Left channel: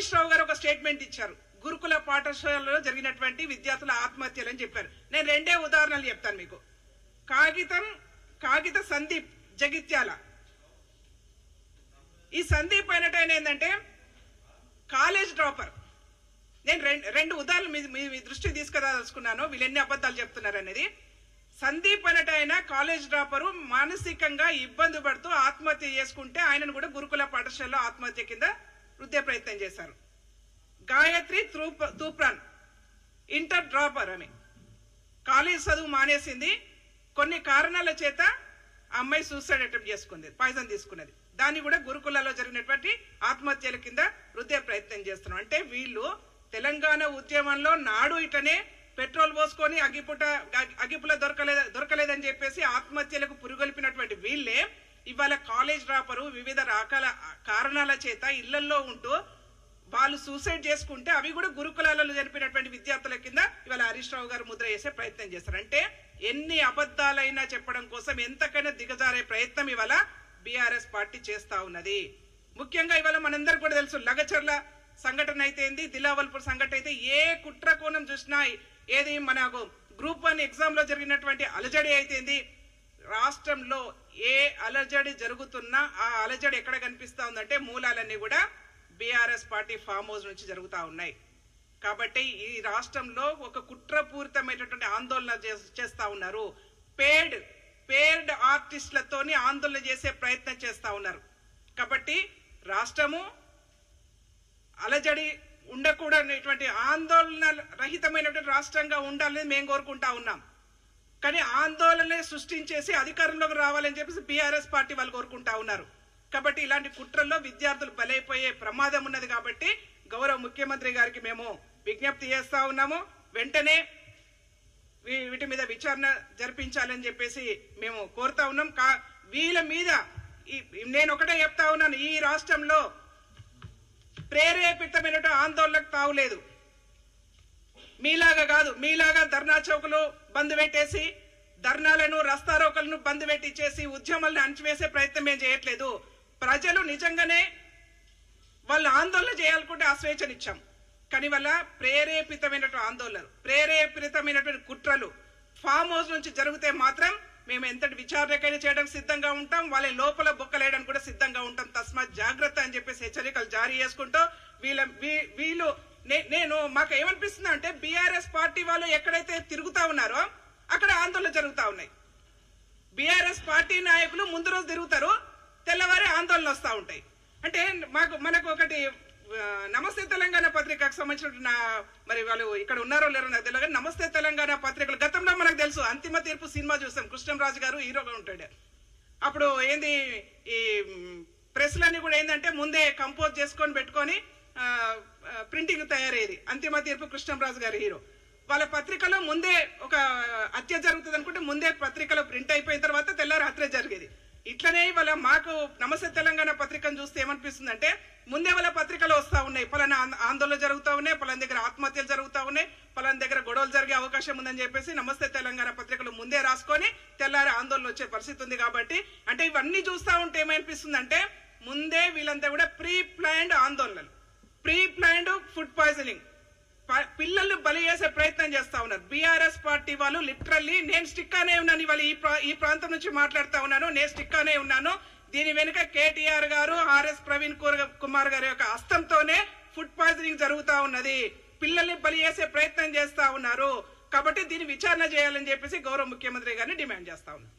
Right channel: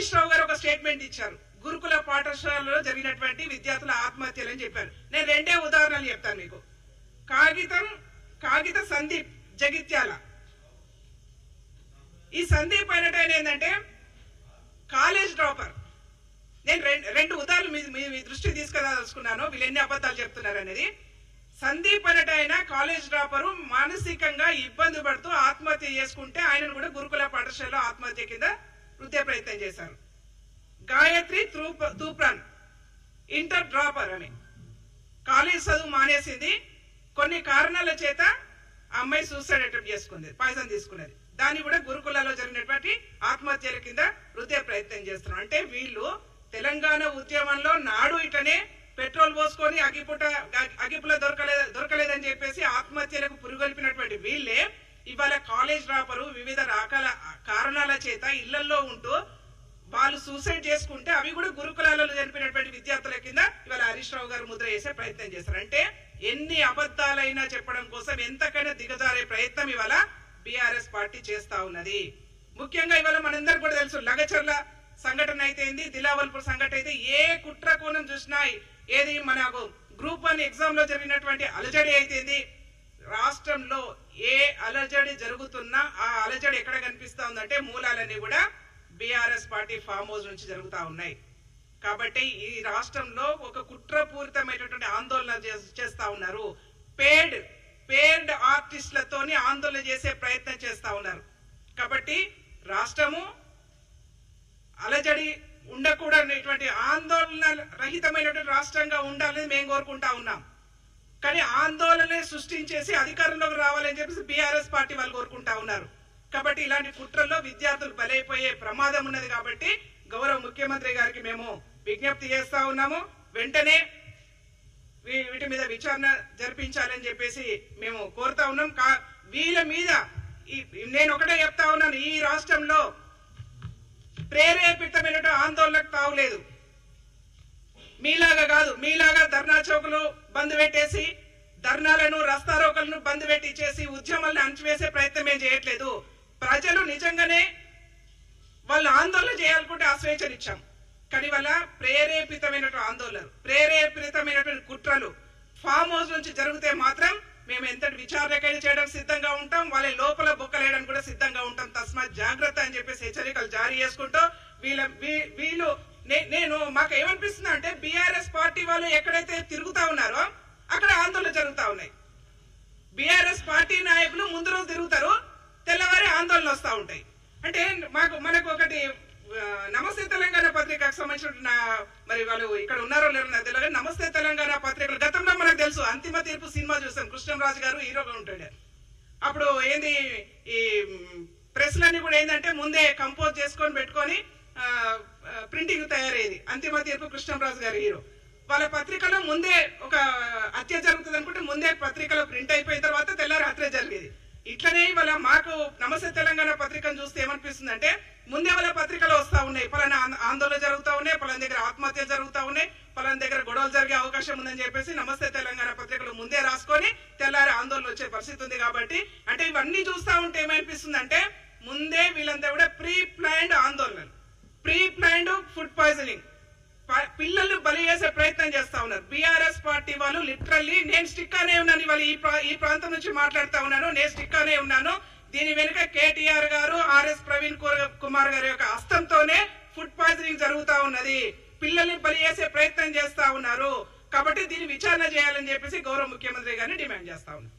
హరీష్ రావు గారు ఒక స్టేట్మెంట్ ఇచ్చారు, గురుకుల పాఠశాలలో జరిగినటువంటి విద్యార్థుల ఆత్మహత్యలు అని చెప్పారు. నేను రెండే ఉదాహరణలు చెప్తాను మీకు. కాగిత సందీప్ జగిత్యాల. ఈ సందీప్ అయినట్టు ఏంటంటే కాలేజ్ డ్రాపర్. నేను రెండు ఉదాహరణలు మీ దృష్టికి తీసుకురాదలుచుకున్నాను, వీళ్ళు ఎన్ని అబద్ధాలు చెప్తున్నారు అనేది. సందీప్ అనేట ఆయన కాలేజ్ డ్రాపరు, మానసికంగా ఇబ్బంది పడుతూ ఆత్మహత్య చేసుకుంటే ఆయనను కూడా గురుకుల పాఠశాలలో ఆత్మహత్య కింద వృద్ధే ప్రయత్నం చేశారు. గాయత్రి తూప్రాన్ ఇంటర్ డ్రాపర్ అని కాలేజ్ చదువు మానేసింది, కొన్ని కారణాల చేత ఆ అమ్మాయి సూసైడ్ అటెంప్ట్ చేసుకుంది, పాయిజన్ తీసుకున్నది. దాన్ని కూడా గురుకులలో జరిగినటువంటి ఆత్మహత్యల కింద వృద్ధే ప్రయత్నం చేస్తున్నాం. అంటే వీళ్ళు తెలంగాణ ఉద్యమంలో నాడు ఇటనే పెట్రోల్ పోసుకొని అగిపుల దొరకలేదని చెప్పేసి ఆత్మహత్యలకు పురుగొల్పినటువంటి వీళ్ళే ఇవాళ కాలేజ్ డ్రాపరు వివిధ రకాల కారణాల చేత ఇళ్లలో ఉంటూ వాళ్ళు సూసైడ్ చేసుకుంటే అవి కూడా గురుకులాలలో జరిపినటువంటి విద్యార్థుల కింద ఇవాళ హరీష్ రావు గారు ముద్ర వేసే ప్రయత్నం చేస్తారు. అంటే ఎన్ని అబద్ధాలైనా చెప్పడం కోసం ఎంతకైనా దిగజారే ప్రయత్నం ఇవాళ బీఆర్ఎస్ పార్టీ చేస్తా ఉన్నది. ముఖ్యంగా ఇవాళ మనందరికి కూడా తెలుసు, లగచర్ల సంఘటన అయితే ఏంది, దిలావల్పూర్ సంఘటన అయితే ఏ కుట్ర కోణం చూసినా, ఏది మనకు గ్రూప్ 1 ఎగ్జామ్ లో జరిగినటువంటి అలజడి అయితేంది, రాష్ట్రంలో ఏ అలజడి జరుగుతున్నా ఆ అలజడి ఎక్కడ కనిపిస్తా ఉందంటే మూలాలన్నీ కూడా బీఆర్ఎస్ పార్టీ ఫామ్ హౌస్ నుంచి జరుగుతా ఉన్నాయి. కాబట్టి ఈ రాష్ట్రంలో ఒక కుట్రపూరితమైనటువంటి ఆందోళన చేస్తా ఉన్నారు. పేడ్ ఆర్టిస్టులతోని ఆందోళన చేసే ప్రయత్నం చేస్తా ఉన్నారు. కాబట్టి రాష్ట్రము అలజడి ఉండకూడనటువంటి ఆందోళన రహితమైనటువంటి రాష్ట్రంగా ఉండాలని మేము కోరుకుంటా ఉన్నాం. కానీ ఆందోళన సృష్టించేసి అధికారంలోకి రావాలని చెప్పేసి బీఆర్ఎస్ పార్టీ వాళ్ళు కోరుకుంటా ఉన్నారు. కాబట్టి ఇలాంటి కుట్రల్లో విద్యార్థులు బలైపోయే ప్రమాదం ఉన్నది. కాబట్టి గౌరవ ముఖ్యమంత్రి గారికి మేము విజ్ఞప్తి చేస్తా ఉన్నాము, వెంటనే వీటి మీద విచారణ జరిపించాలని చెప్పేసి మేము కోరుతా ఉన్నాం. వీళ్ళ మీద నేను ఒకటే చెప్తా ఉన్నాను, ఈ రాష్ట్రంలో ప్రేరేపితమైన ఆందోళనకు తావులేదు. మీలాగా కాదు, మీలాగా ధర్నా చౌకులు బంద్ పెట్టేసి ధర్నాలను రస్తారోకలను బంద్ పెట్టించేసి ఉద్యమాలను అణచివేసే ప్రయత్నం ఏం చేయట్లేదు. ప్రజలు నిజంగానే వాళ్ళు ఆందోళన చేయాలనుకుంటే ఆ స్వేచ్ఛనిచ్చాం. కానీ వాళ్ళ ప్రేరేపితమైనటువంటి ఆందోళనలు, ప్రేరేపితమైనటువంటి కుట్రలు ఫామ్ హౌస్ నుంచి జరిగితే మాత్రం మేము ఎంతటి విచారణకైనా చేయడానికి సిద్ధంగా ఉంటాం, వాళ్ళ లోపల బొక్కలేయడానికి కూడా సిద్ధంగా ఉంటాం. తస్మాత్ జాగ్రత్త అని చెప్పేసి హెచ్చరికలు జారీ చేసుకుంటూ వీళ్ళు నేను మాకు ఏమనిపిస్తుంది అంటే బీఆర్ఎస్ పార్టీ వాళ్ళు ఎక్కడైతే తిరుగుతా ఉన్నారో అక్కడ ఆందోళన జరుగుతా ఉన్నాయి. బీఆర్ఎస్ పార్టీ నాయకులు ముందు రోజు తిరుగుతారు, తెల్లవారి ఆందోళన వస్తూ ఉంటాయి. అంటే మనకు ఒకటి నమస్తే తెలంగాణ పత్రికకు సంబంధించిన, మరి వాళ్ళు ఇక్కడ ఉన్నారో లేరో నాకు తెలియదు, నమస్తే తెలంగాణ పత్రికలు గతంలో మనకు తెలుసు, అంతిమ తీర్పు సినిమా చూస్తాం, కృష్ణంరాజు గారు హీరోగా ఉంటాడు. అప్పుడు ఏంది ఈ ప్రెస్లన్నీ కూడా ఏంటంటే ముందే కంపోజ్ చేసుకొని పెట్టుకొని ప్రింటింగ్ తయారయ్యేది. అంతిమ తీర్పు కృష్ణంరాజు గారు హీరో. వాళ్ళ పత్రికలో ముందే ఒక హత్య జరుగుతుంది అనుకుంటే ముందే పత్రికలో ప్రింట్ అయిపోయిన తర్వాత తెల్లారి హత్య జరిగేది. ఇట్లనే వాళ్ళ మాకు నమస్తే తెలంగాణ పత్రికను చూస్తే ఏమనిపిస్తుంది అంటే ముందే వాళ్ళ పత్రికలు వస్తా ఉన్నాయి, పలానా ఆందోళన జరుగుతూ ఉన్నాయి, పలానా దగ్గర ఆత్మహత్యలు జరుగుతూ ఉన్నాయి, పలానా దగ్గర గొడవలు జరిగే అవకాశం ఉందని చెప్పేసి నమస్తే తెలంగాణ పత్రికలు ముందే రాసుకొని తెల్లారి ఆందోళన వచ్చే పరిస్థితి ఉంది. కాబట్టి అంటే ఇవన్నీ చూస్తా ఉంటే ఏమనిపిస్తుంది అంటే ముందే వీళ్ళంతా కూడా ప్రీ ప్లాన్డ్ ఆందోళనలు, ప్రీ ప్లాన్డ్ ఫుడ్ పాయిజనింగ్, పిల్లలు బలి చేసే ప్రయత్నం చేస్తా ఉన్నారు. బీఆర్ఎస్ పార్టీ వాళ్ళు లిటరల్లీ నేను స్టిక్ అనే ఉన్నాను, ఇవాళ ఈ ప్రాంతం నుంచి మాట్లాడుతా ఉన్నాను, నేను స్టిక్ అనే ఉన్నాను. దీని వెనుక కేటీఆర్ గారు, ఆర్ఎస్ ప్రవీణ్ కుమార్ గారి యొక్క హస్తంతోనే ఫుడ్ పాయిజనింగ్ జరుగుతా ఉన్నది, పిల్లల్ని బలి చేసే ప్రయత్నం చేస్తా ఉన్నారు. కాబట్టి దీన్ని విచారణ చేయాలని చెప్పేసి గౌరవ ముఖ్యమంత్రి గారిని డిమాండ్ చేస్తా ఉన్నాను.